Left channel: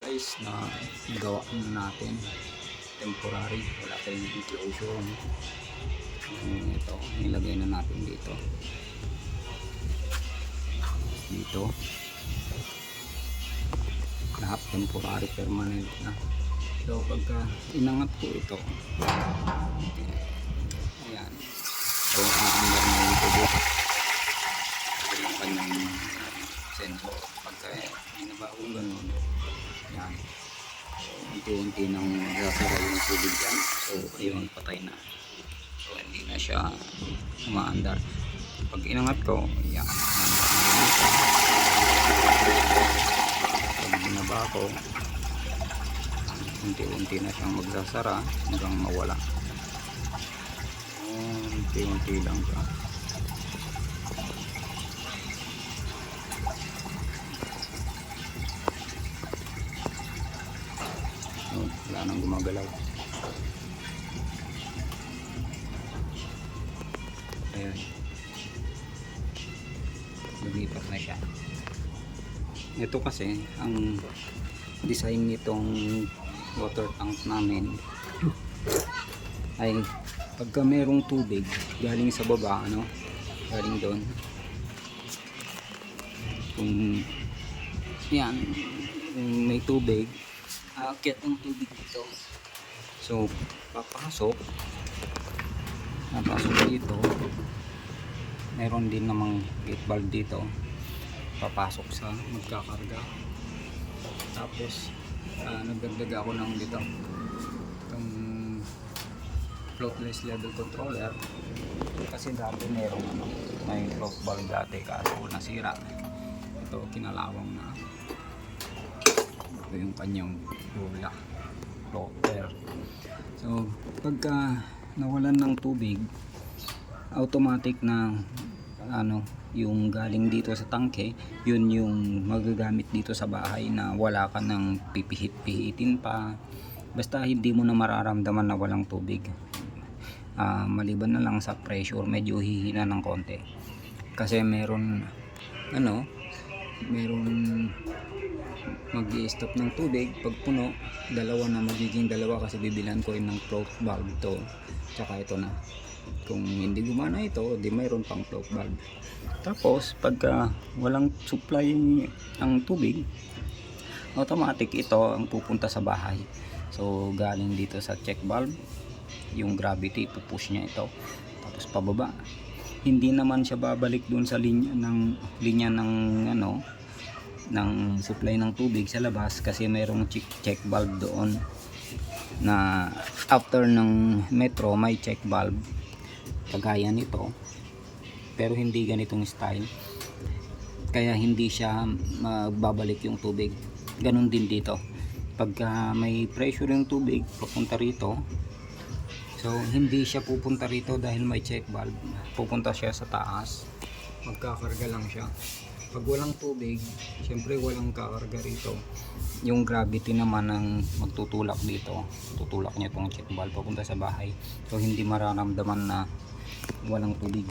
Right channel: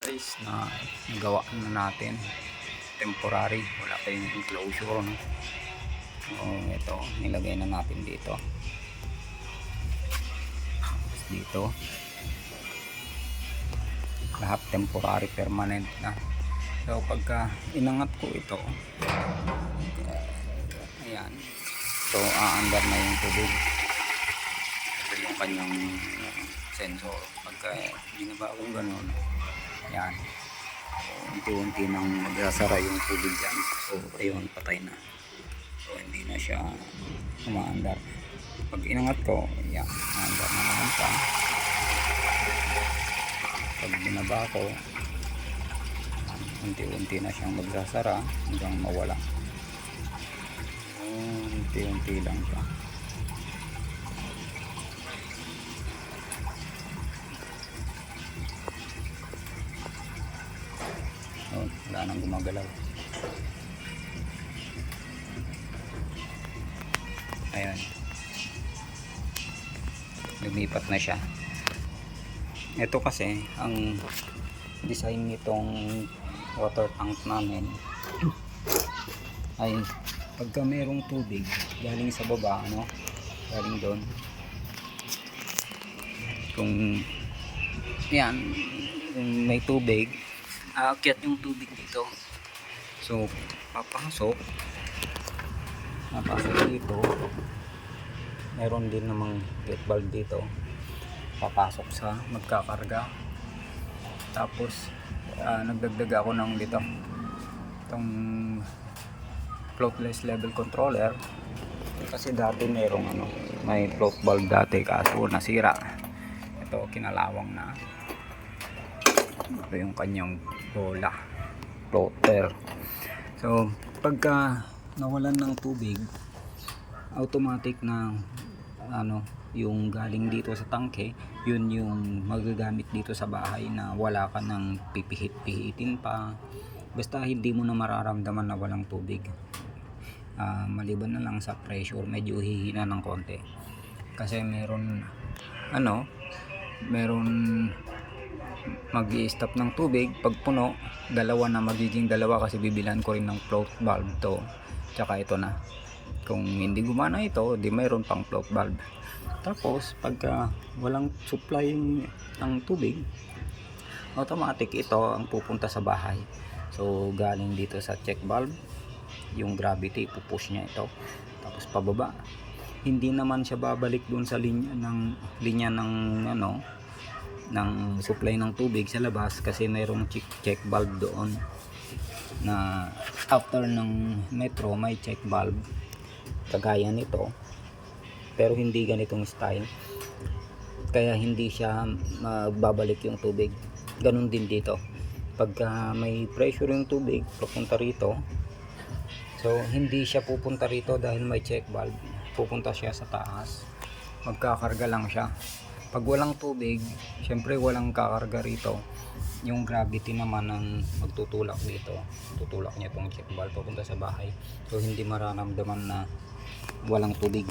Guys, na nagawa na natin temporary, wala pa yung enclosure, no? So ito, nilagay na natin dito lahat temporary, permanent na. So pagka inangat ko ito, ayan, so aandar na yung tubo. Ito yung kanyang sensor. Pagka binaba akong ganun, yan, so unti-unti nang magsasara yung tubig dyan. So ayun, patay na. So hindi na siya umaandar. Pag inangat ko, yan, umaandar na naman siya. Pag binaba ko, unti-unti na siyang magsasara hanggang mawala. Unti-unti lang siya. Oh, wala nang gumagalaw. Ayun, lumipat na siya. Ito kasi ang design nitong water tank namin ay pagka merong tubig galing sa baba, ano, galing doon, kung yan, kung may tubig, aakyat yung tubig dito. So papasok dito, meron din namang gate valve dito, papasok sa magkakarga. Tapos nagdagdag ako ng dito itong floatless level controller, kasi dati may float valve dati, kaso nasira. Ito kinalawang na. Ito yung kanyang bola, floater. So pagka nawalan ng tubig, automatic na ano, yung galing dito sa tangke, yun yung magagamit dito sa bahay, na wala ka ng pipihit-pihitin pa. Basta hindi mo na mararamdaman na walang tubig. Maliban na lang sa pressure, medyo hihina ng konti. Kasi meron mag-i-stop ng tubig pag puno, dalawa na, magiging dalawa, kasi bibilan ko rin ng float valve to, tsaka ito na. Kung hindi gumana ito, di mayroon pang float valve. Tapos pagka walang supply ng tubig, automatic ito ang pupunta sa bahay. So galing dito sa check valve, yung gravity, pupush niya ito, tapos pababa. Hindi naman siya babalik dun sa linya ng ano, ng supply ng tubig sa labas, kasi mayroong check valve doon, na after ng metro may check valve kagaya nito, pero hindi ganitong style, kaya hindi siya magbabalik yung tubig. Ganun din dito, pagka may pressure yung tubig papunta rito, so hindi siya pupunta rito dahil may check valve, pupunta siya sa taas, magkakarga lang siya. Pag walang tubig, syempre walang kakarga rito, yung gravity naman ang magtutulak dito, tutulak niya itong check valve papunta sa bahay. So hindi mararamdaman na walang tubig.